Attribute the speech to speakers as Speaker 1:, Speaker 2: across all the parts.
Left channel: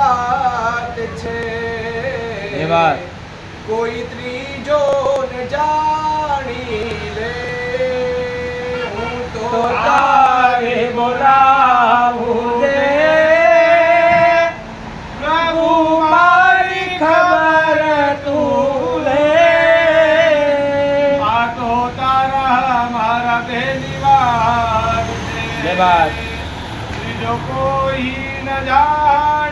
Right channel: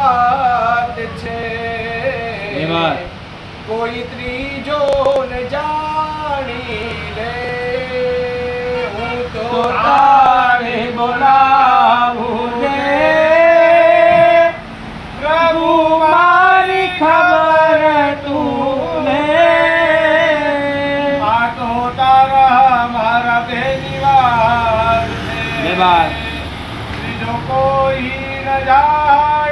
Speaker 1: વાત છે. કોઈ ત્રીજો ને જાણી લે. હું તો તારે
Speaker 2: બોલાવું દે પ્રભુ મારી ખબર તું લે.
Speaker 1: આ તો તારા મારા બેની વાત છે. ત્રીજો કોઈ ન જાણી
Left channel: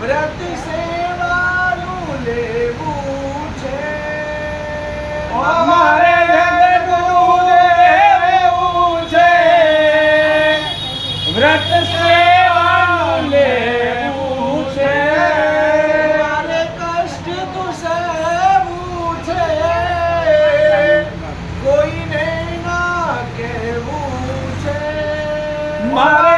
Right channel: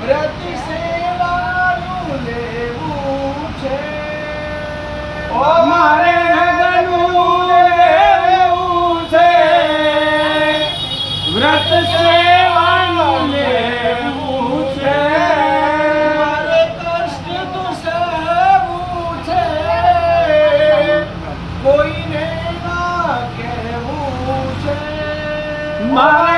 Speaker 1: વ્રત સેવાનું લેવું છે.
Speaker 2: મારે જગનું લેવું છે. વ્રત સેવાનું લેવું છે.
Speaker 1: મારે કષ્ટ તો સહેવું કોઈને ના કહેવું છે.
Speaker 2: મારે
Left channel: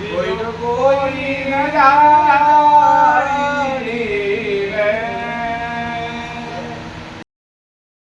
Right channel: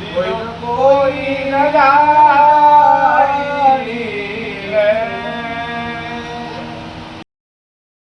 Speaker 1: કોઈ કોઈ ન